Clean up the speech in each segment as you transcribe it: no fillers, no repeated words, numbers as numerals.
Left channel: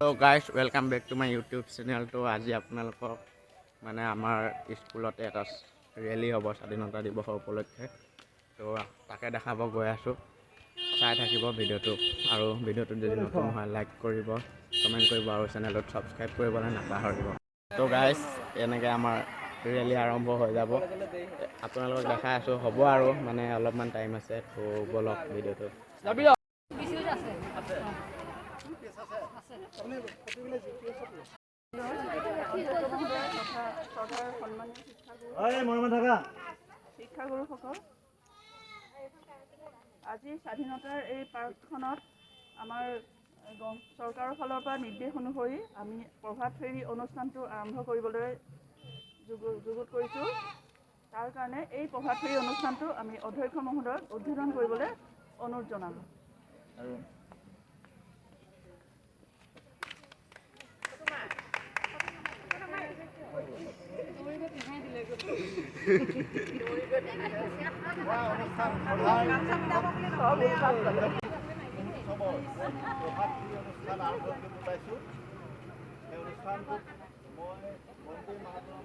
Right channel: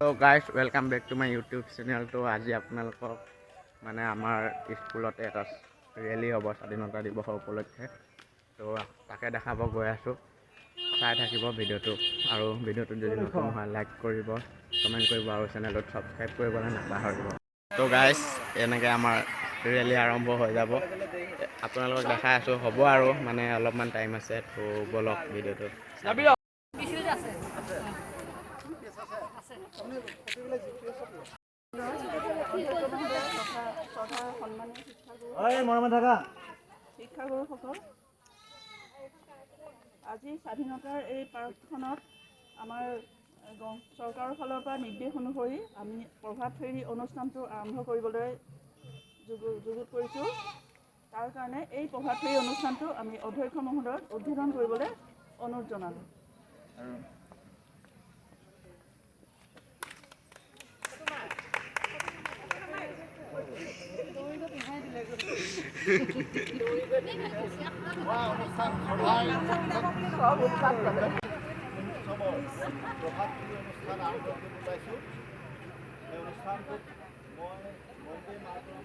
Hello guys welcome back to my YouTube channel. तो आज आपलोक माने आमार स्कूलते एटा रैली हम स्वाधीनता दिवस उपलक्षे तो ताके देखाब गई आसो चाय थाकिब भिडिओ और भिडिओ जो नतुन है लाइक करिब कमेंट करिब और चैनल सब्सक्राइब करिबले नापाहरिब। तो गाइस एनेके आमार रैली आरम्भ हो जाब आपनालोक देखाई आसो हब आरो माने अलपमान टाइम आछे तो बोलक भिडिओ শিক্ষাগুৰুসকল আজি স্বাধীনতাৰ এই পাৰ্কখনত আমাৰ চৰকাৰৰ ফালৰ পৰা নিৰ্দেশ অনুসৰি আমি প্ৰভাত ফেৰী অনুষ্ঠানটো আৰম্ভ কৰিবলৈ যুগুত কৰিছোঁ। তাৰ কাৰণে এই প্ৰভাত ফেৰী অনুষ্ঠানটো আমি অধ্যক্ষ মহোদয়ক উদ্বোধন কৰিবলৈ অনুৰোধ জনালোঁ। অনুষ্ঠান সভাৰ প্ৰভাত ফেৰী অনুষ্ঠান আৰম্ভ কৰিব ওলাইছোঁ। এই অনুষ্ঠানটোত মই বন্দে মাতৰম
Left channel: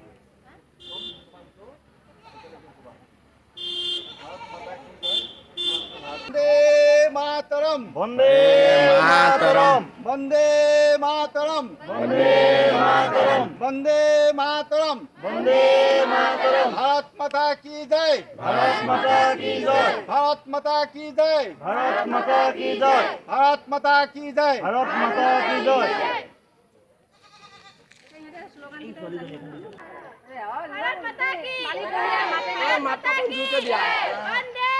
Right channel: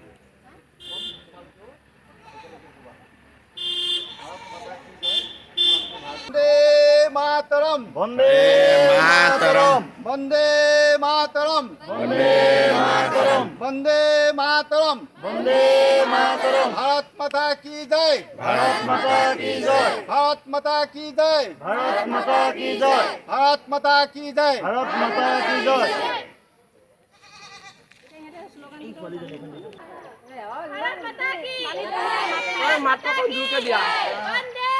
তোমালোকেও একেলগে ক'বা। ভাৰত মাতা কি জয়। বন্দে মাতৰম বন্দে মাতৰম বন্দে মাতৰম বন্দে মাতৰম বন্দে মাতৰম भारत माता की जय। भारत माता की जय। भारत माता की जय। भारत माता की जय। भारत माता की जय। भारत माता की जय। भारत माता की माता की वंदे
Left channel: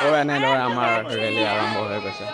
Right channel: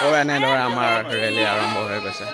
तो এনেদৰে আমাৰ ৰেলী আৰম্ভ হৈ গৈছে।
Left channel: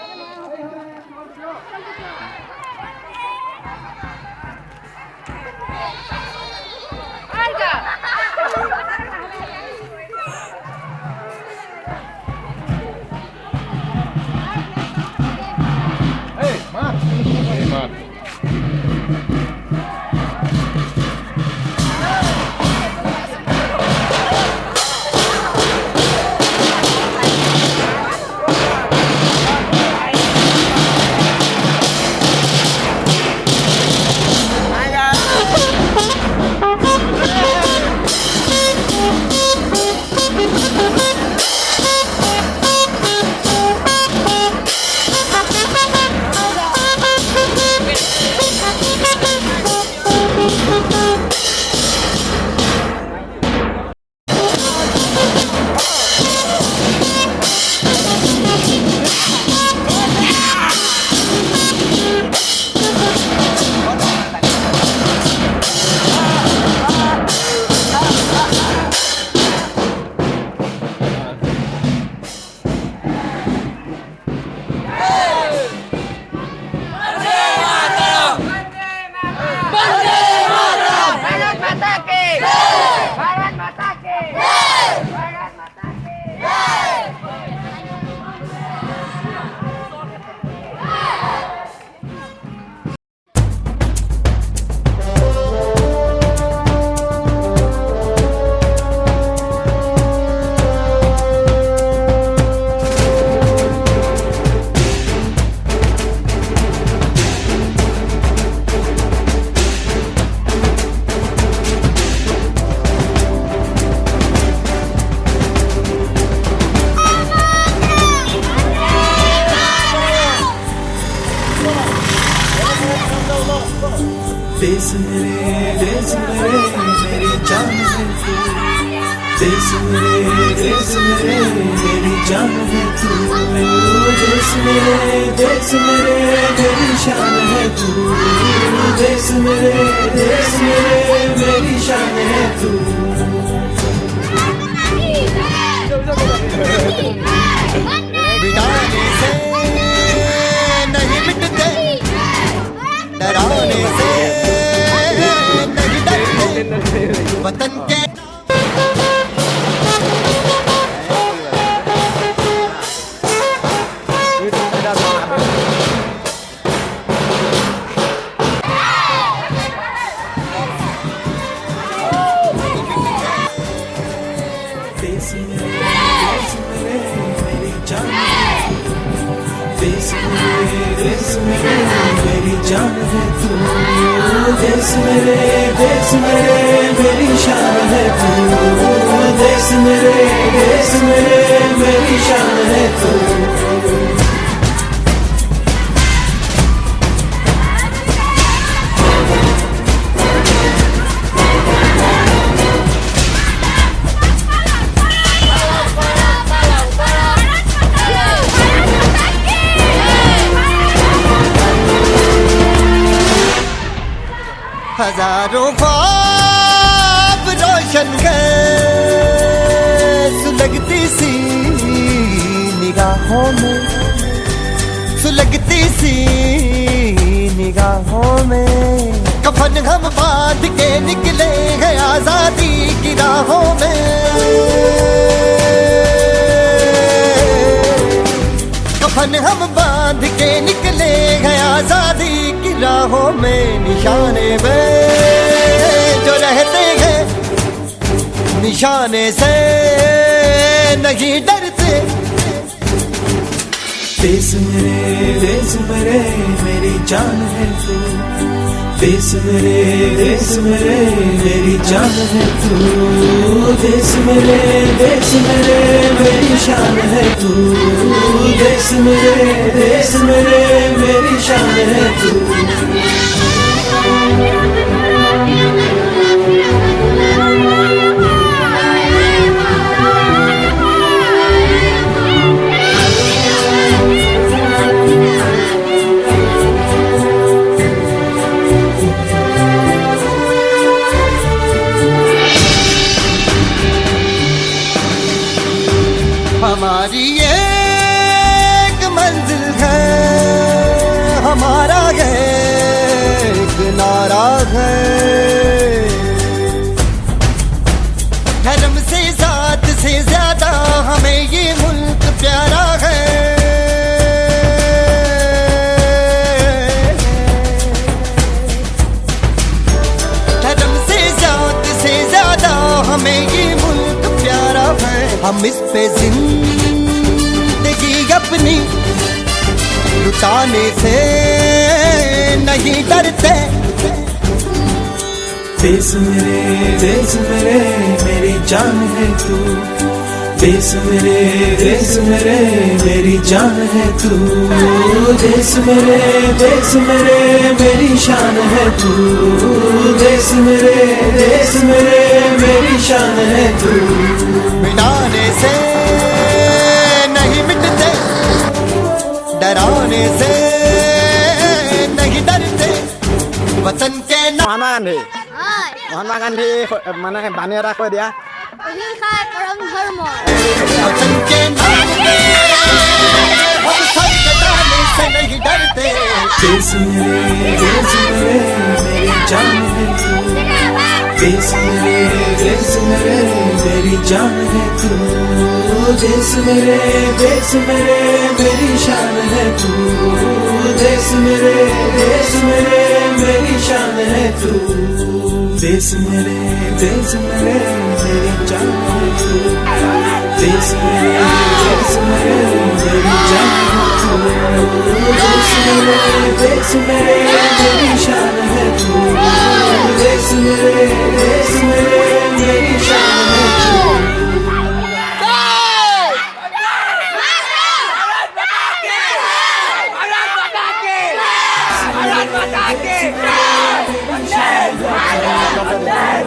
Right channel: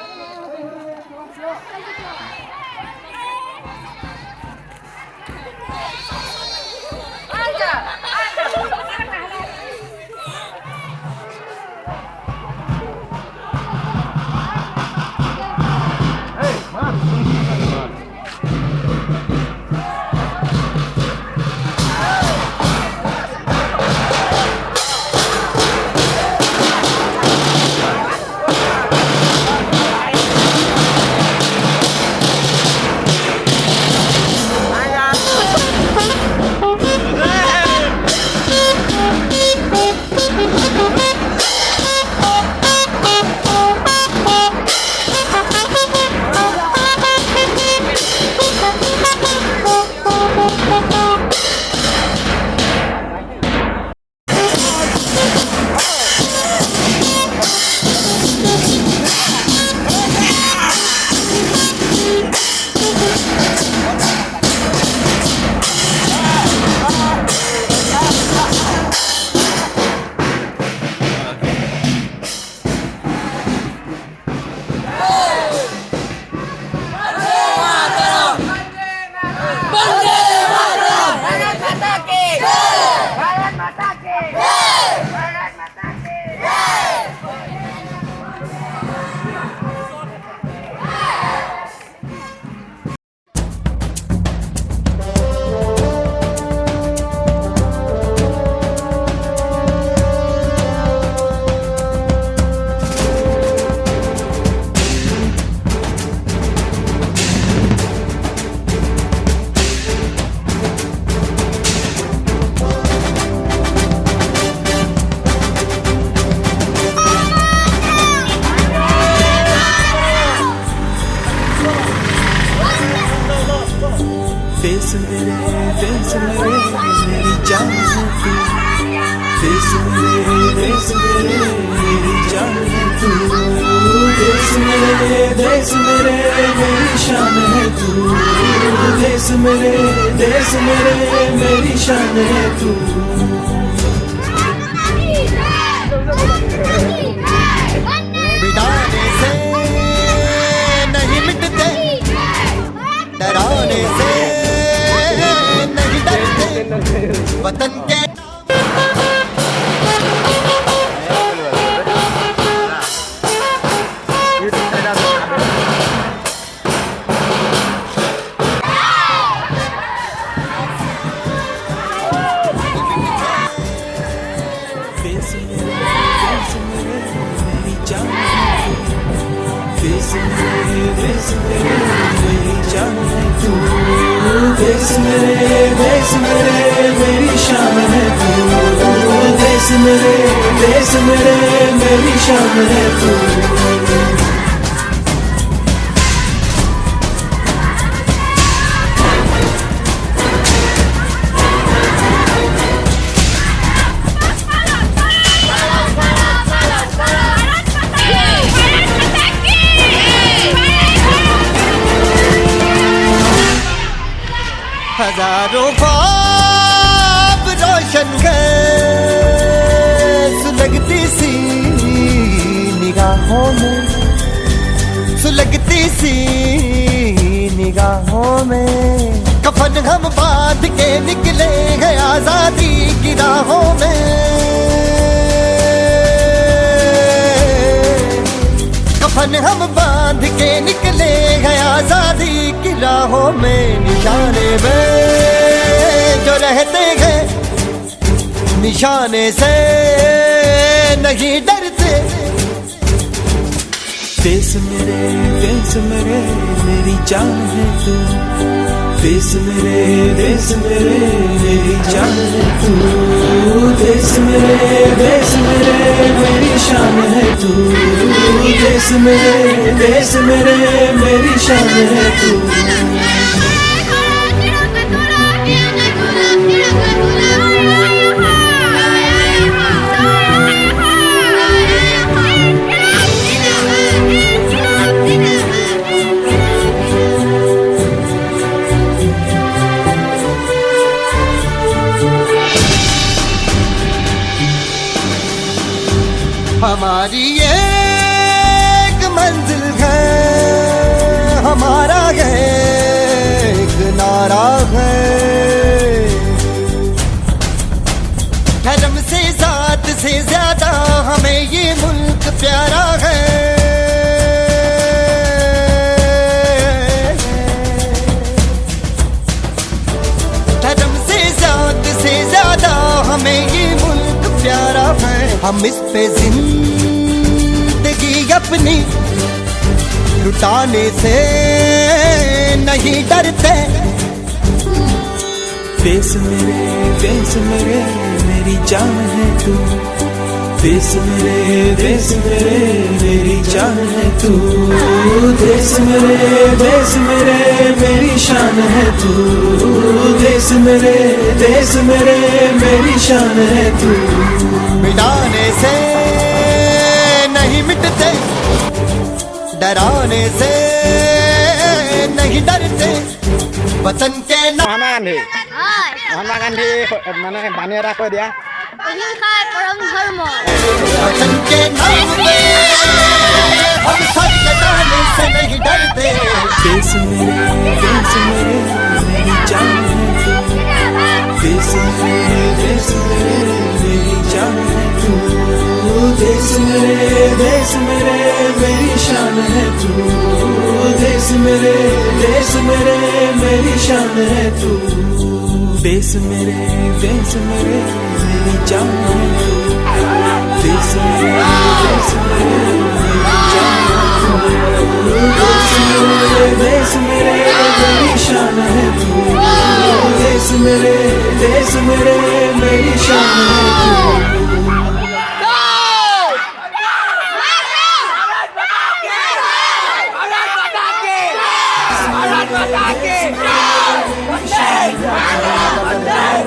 देश मेरे मेरी जान है तू। देश मेरी जान है तू। देश मेरे मेरी शान है तू। देश मेरे मेरी शान है तू। मिटाने से नहीं मिटते, डराने से नहीं डरते, वतन के देश मेरे मेरी जान है तू। देश मेरे मेरी जान है तू, देश मेरे मेरी शान है तू, देश मेरे मेरी शान है तू। हजारों ख्वाब रोशन गए सुलगती सी निगाहों में, सुलगती सी निगाहों में। कफन हम बांध के निकले हैं आजादी की राहों में, कफन हम बांध के निकले हैं आजादी की राहों में। निशाने में जो रहते हैं निशाने से नहीं डरते। देश मेरे मेरी जान है तू, देश मेरे मेरी जान है तू, देश मेरे मेरी शान है तू, देश मेरे मेरी शान है तू। हमारी एक मंजिल है, हमारा एक नारा है। धर्म से जात से ज्यादा हमें ये मुल्क प्यारा है। धर्म से जात से ज्यादा हमें ये मुल्क प्यारा है। हम इस पे जिंदगी अपनी लुटाने से नहीं डरते। देश मेरे मेरी जान है तू, देश मेरे मेरी जान है तू, देश मेरे मेरी शान है तू, देश मेरे मेरी शान है तू। मिटाने से नहीं मिटते, डराने से नहीं डरते। वतन के नाम মহাত্মা গান্ধী মানে বাণী এটা কৈ দিয়া। অহিংসাই পৰম ধৰ্ম। वतन के नाम पे हम सर कटाने से नहीं डरते। देश मेरे मेरी जान है तू, देश मेरे मेरी जान है तू, देश मेरे मेरी शान है तू, देश मेरे मेरी शान है तू। देश मेरे मेरी जान है तू, देश मेरे मेरी जान है तू, देश मेरी शान है तू, देश मेरे मेरी शान है तू। भारत माता की जय।